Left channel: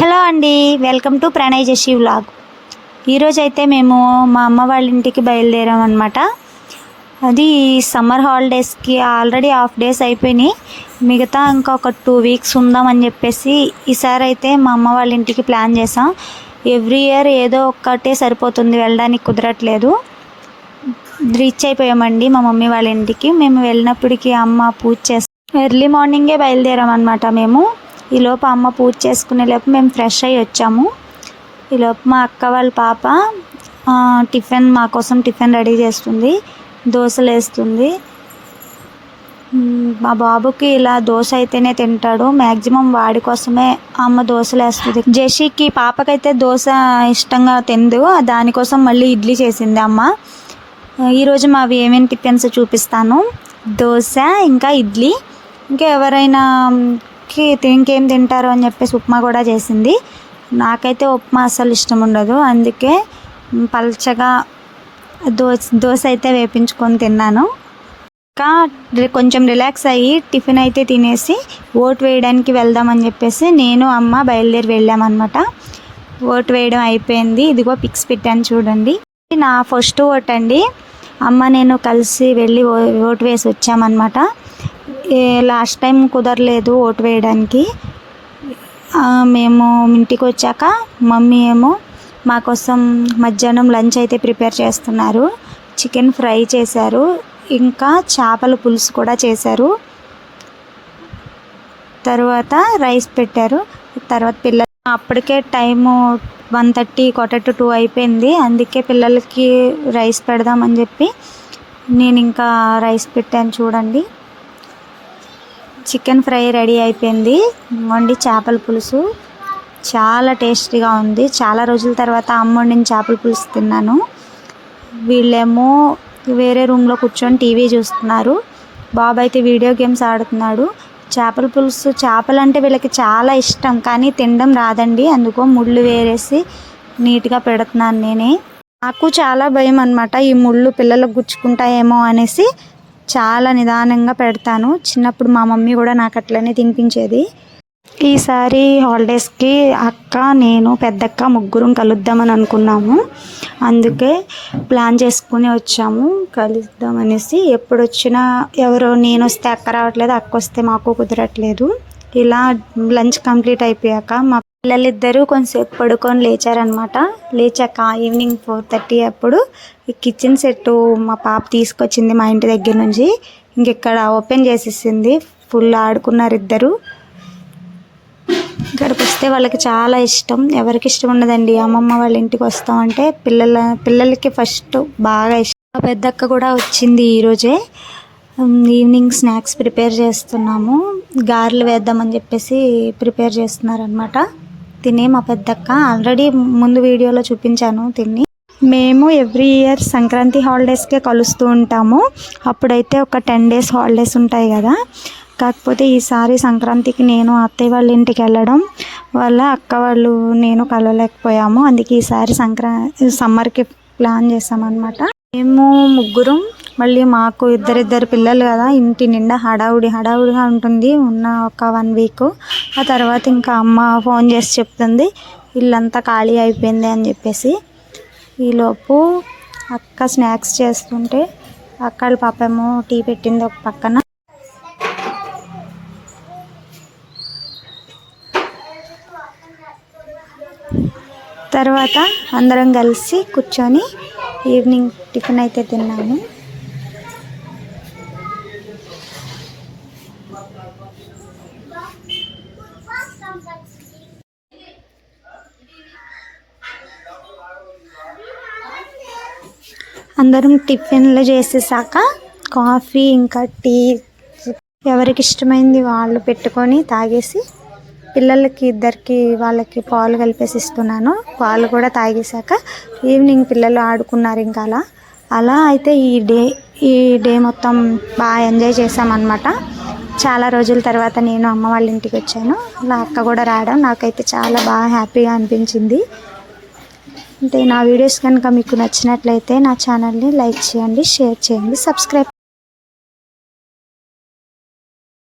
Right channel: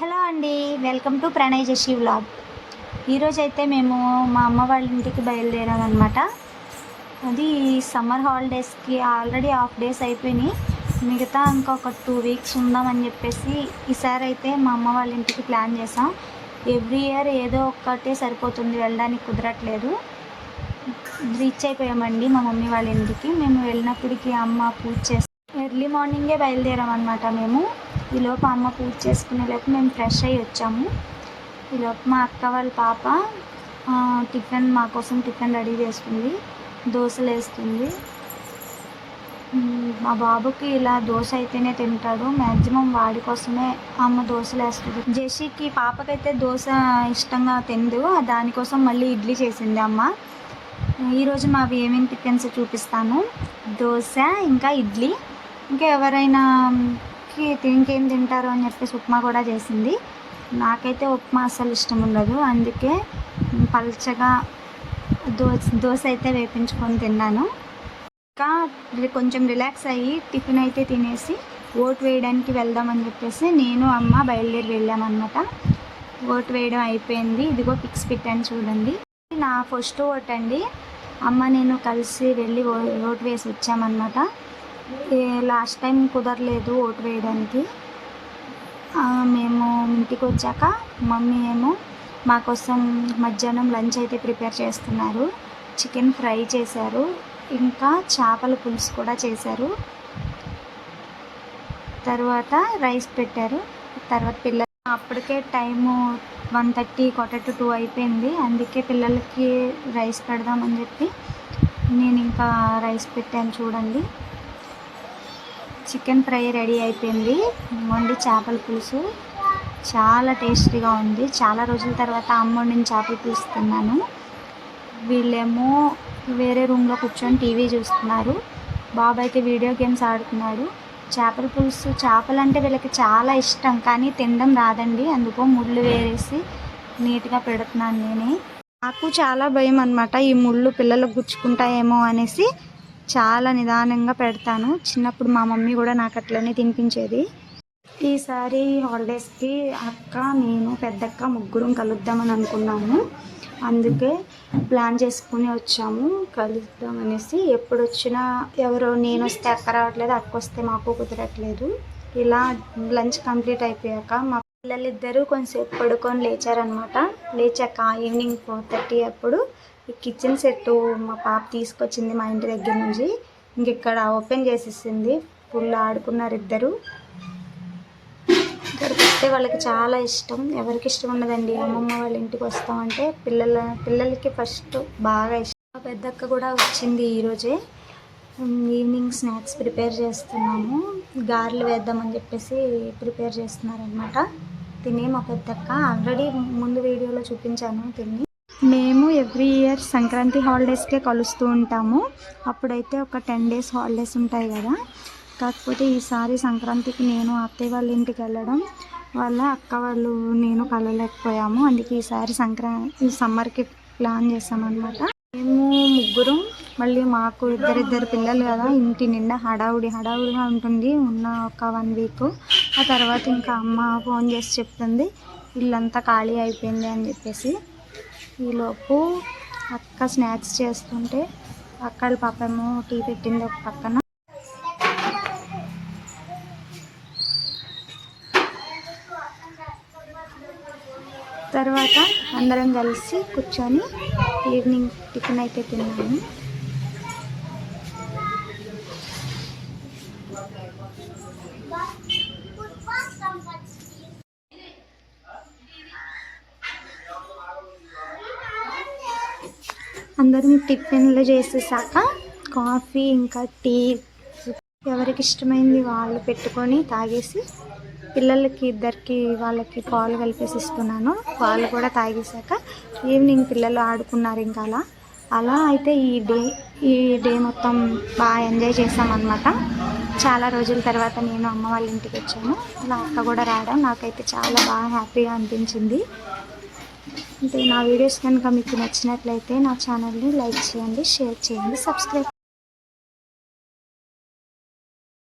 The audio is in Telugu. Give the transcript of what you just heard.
హలో అండి, వెల్కమ్ టు ప్రణయ్ జషి వ్లాగ్. ఈరోజు అయితే మేము మా అమ్మ వాళ్ళ ఇంటికి బయలుదేరాం అనమాట. అది సమ్మర్ హాలిడేస్కి ఆల్రెడీ హాఫ్ డేస్ అయిపోయినాయి. మిగతా ఇంకా ఒక 2 వీక్స్ ఉందామని చెప్పేసి ఈసారి అయితే మా అమ్మ వాళ్ళ ఇంటికి ప్లాన్ చేసాం. ఎవ్రీ ఇయర్ ఏదో ఒక్కటే సరిపోతుంది, వెళ్ళడానికి కుదరట్లేదు. రీచ్ అయిపోయామండి మా మమ్మీ వాళ్ళ ఇంటికి. మేము వెళ్ళినప్పటికీ అమ్మ పూజ చేస్తాం. ఎర్లీ మార్నింగే బయలుదేరాం అనమాట. మేము ఈలోపు అమ్మ పూజ చేసుకునే లోపు మేము ఫ్రెష్ అయ్యి వచ్చాము. ఈలోపు మా అక్క వాళ్ళ పాప మా కోసం టిఫిన్ రెడీ చేస్తుంది, దోశలు వేస్తుంది. మా బాబుకి ఇలా దోశ అయితేనే తింటాడు, మ్యాక్సిమం వాడి కోసమే అమ్మ దోశలు వేస్తుంది. జషికి పాపకైతే దోశ ఇష్టంగా తిందు, దానికోసం మళ్ళీ ఇడ్లీ చేసింది అమ్మ. ఈరోజు మావి ఏమేమి టిఫిన్స్ చూపిస్తాను. దోశ, ఇంకా ఇడ్లీ, ఇంకా ఎవరైనా ఇంకేం తింటారు అని చెప్పేసి ఉప్మా కూడా చేసింది. నాకైతే ఉప్మా అసలు ఇష్టం ఉండదు, అందుకే పల్చగా దోశ అయితే వేపించుకొని తిన్నాను. ఇంకా కొంచెం రిలాక్స్ అయ్యి టిఫిన్ అయితే తినేసి ఓటు వేయడానికి వెళ్దామని చెప్పేసి నేను అమ్మ బయలుదేరి వెళ్ళామన్నమాట. ఓటు వేయడం అయిపోయింది. ఇదిగో పిక్స్ పెట్టాను చూడండి. నా ఫస్ట్ ఓట్ అండి. అమ్మ నేను కలిసి వెళ్ళి ఓటు వేసి వచ్చామన్నమాట. లాస్ట్ టైం కుదరలేదు ఓటు వేయడానికి. మేము ఇంటికి వచ్చాక మమ్మీ ఏమో మా కోసం మధ్యాహ్నం లంచ్ అయితే ప్రిపేర్ చేస్తున్నారు. చికెన్ ఫ్రై చేశారు, ఇంకా చేపల పులుసు కూడా చేశారు. తర్వాత రైస్ పెట్టారు. తర్వాత పిల్లలు అప్పటికే టైము 1:30 1:45 అయిపోయింది. అందుకే పిల్లలకి రైస్ పెడదామని చెప్పి నేను ఇంకా రైస్ పెట్టాను చూడండి. చికెన్ ఫ్రై రెడీ అయిపోయింది. వండి చేపల పులుసు చాలా టేస్టీగా ఉంది. చాలా రోజుల తర్వాత అమ్మ వండిన చేపల పులుసు తిన్నాను. వీళ్ళేమో వేరే రూమ్లో కూర్చొని టీవీ చూస్తున్నారు. బాబు అయితే వీడియో గేమ్స్ ఆడుతున్నాడు. చేపల పులుసు, చేపలు అంటే వీళ్ళకి చాలా ఇష్టం, కానీ తినడం రాదండి. అందుకో ముళ్ళు వేరేసి నీట్గా పెడుతున్నాను నేనే. నాకు చాలా భయం అన్నమాట, ఈ ముళ్ళు పిల్లలకు గుచ్చుకుంటాయేమో అనేసి చాలా నిదానంగా పెడతాను. చిన్నప్పుడు మా మమ్మీ కూడా నాకు అట్లనే తినిపించేది. ఈసారి హాలిడేస్కి అక్క, నేను, పెద్దక్క ముగ్గురం కలుద్దామని అనుకున్నాము. అందుకే ప్లాన్ చేసుకుని వచ్చాము కలుద్దామనేసి. ఎప్పుడు వచ్చినా ఎవరో నేను వస్తే అక్క రావట్లేదు, అక్క వస్తే మాకు కుదరట్లేదు. ఇలా లంచ్ కంప్లీట్ అయిపోయాక మా పిల్లలిద్దరూ కొంచెంసేపు పడుకొని లేచారనమాట. లేచాక ఈవినింగ్ 4:30 అప్పుడు ఈ కిచెన్ సెట్ మా పాప తీసుకొచ్చింది మా ఇంటి దగ్గర నుంచి. ఇంకెక్కడ ఓపెన్ చేసేసింది. ఫుల్ ఆడుకున్నారు ఇద్దరు. ఇక్కడికి వస్తే వాళ్ళకి చాలా ఇష్టం. ఎవరికి ఇష్టం ఉండదండి అమ్మమ్మ వాళ్ళ ఇంటికి వస్తామంటే. పిల్లలకి ఫస్ట్ బాగా ఇష్టం. మా పెద్దక్క కూడా వచ్చింది ఈరోజే. ఈవినింగ్ స్నాక్స్ ప్రిపేర్ చేస్తున్నాము. గారెలు వేద్దామని చెప్పేసి ప్రిపేర్ చేస్తున్నారనమాట. తినే మా పెద్దక్క ఆల్రెడీ ముందు వీడియోలో చూపించాను తిని. మేము ఎవ్రీ ఇయర్ సంక్రాంతి హాలిడేస్కే కలుస్తూ ఉంటాము. అప్పుడైతే ఒక 10 days హాలిడేస్ ఉంటాయి కదా. కాకపోతే ఈసారి సంక్రాంతికి నేను అత్తయ్య వాళ్ళ ఇంటికి వెళ్ళడం వల్ల అక్క వాళ్ళు నేను కలవలేకపోయాము. అందుకే ఈసారి సమ్మర్కి ప్లాన్ చేసామన్నమాట. మేము ముగ్గురం, మళ్ళీ మాకు ఇద్దరిద్దరు పిల్లలు కదా, ఇంటి నిండా హడావుడిగా ఉంటుంది ఉన్న ఒక 1 week. ఆ తర్వాత ఇంకా అమ్మ ఫోన్ చేసి చెప్తుంది ఇల్లంతా ఖాళీ అయిపోయింది అని చెప్పేసి. ఈలోపు అక్క స్నాక్స్ చేస్తుంటే అక్క వాళ్ళ పాపేమో టీ పెట్టింది ఒక పక్కన. తర్వాత అందరం కలిసి కూర్చొని ఈవినింగ్ టిఫిన్ అయితే తిన్నాము. అందరం టిఫిన్లు చేసేసాక కాఫీ ఇంకా టీ ఎవరికి ఇష్టమైంది వాళ్ళు పెట్టుకొని తాగేసి, పిల్లలకి ఇద్దరికి వాళ్ళకి పాలు కలిపేసి ఇస్తున్నాను. పాలు కూడా తాగేశాక ఈవినింగ్ పిల్లలు ఆడుకున్నారు. ఇంకా అలా అయితే ఈ డే మొత్తం బాగా ఎంజాయ్ చేసామన్నమాట. చాలా రోజుల తర్వాత నేను అమ్మ వాళ్ళ ఇంటికి వచ్చాను. అలా అక్క కూడా రావడం నాకైతే చాలా బాగా హ్యాపీగా అనిపించింది. అంటే నా వీడియోస్ కనుక మీకు నచ్చినట్లయితే నా ఛానల్ని లైక్ చేయండి, షేర్ చేయండి, సబ్స్క్రైబ్